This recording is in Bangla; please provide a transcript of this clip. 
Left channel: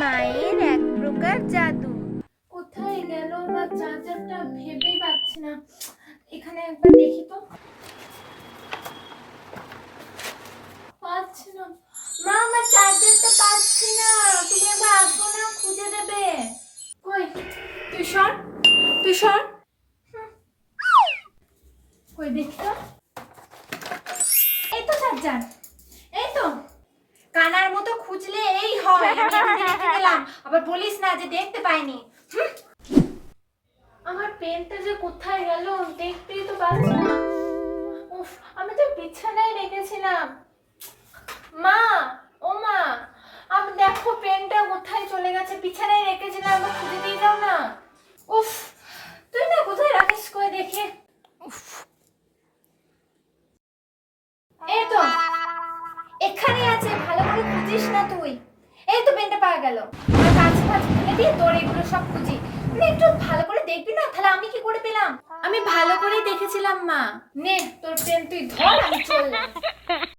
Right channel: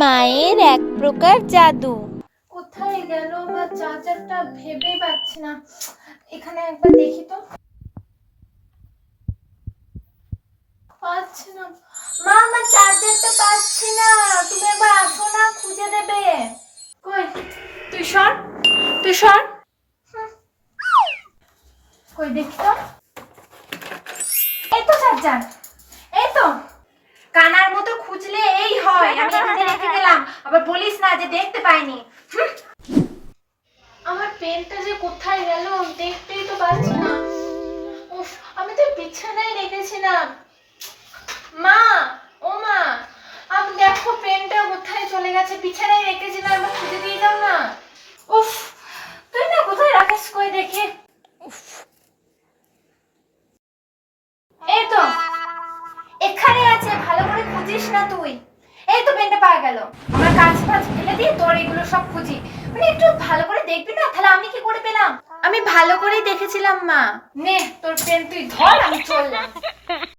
মায়ের এক প্রকার জাদু। কোথায় গেল আমার চার্জারটা ভেবেই পাচ্ছি না। এখানে একবার দেখি তো। পাচ্ছি না। মা, আমার চার্জারটা পাচ্ছি না। তুমি একবার আসো না, খুঁজে দেবে। কই? তুই সর তুই সর। কই, দেখি তো। এই তো চার্জার এই তো। কানার মতো খুঁজলে এই হয় আমি এখানে রেখে দিলাম আবার বলিস না যে দেখতে পাইনি। আমার পেনটা যে কোথায় গেল দেখতেই তো পাচ্ছি না। উফ, আমি তো বিছানায় রেখেছিলাম। মা, ও মা, আমি, দেখো পেনটা কোথায় চলে গেছে। বিছানায় রেখেছিলাম আমার খুঁজে দিয়ে যাও না। উফ, তুই না কোথায় রাখিস কই দেখি। উফ। এই তো, এখানে আছে, ভালো করে খুঁজিস না তুই। তো গেল। আমার কাজ ফাজ ফেলে দিয়ে তোর এগুলো সব খুঁজি। মানে একটু ভালো করে দেখবি না? তাহলে আমি কি করে পেলাম? আমি ভালো করেই দেখেছিলাম মা। নে তোর পেন তুই ধর আমি চললাম।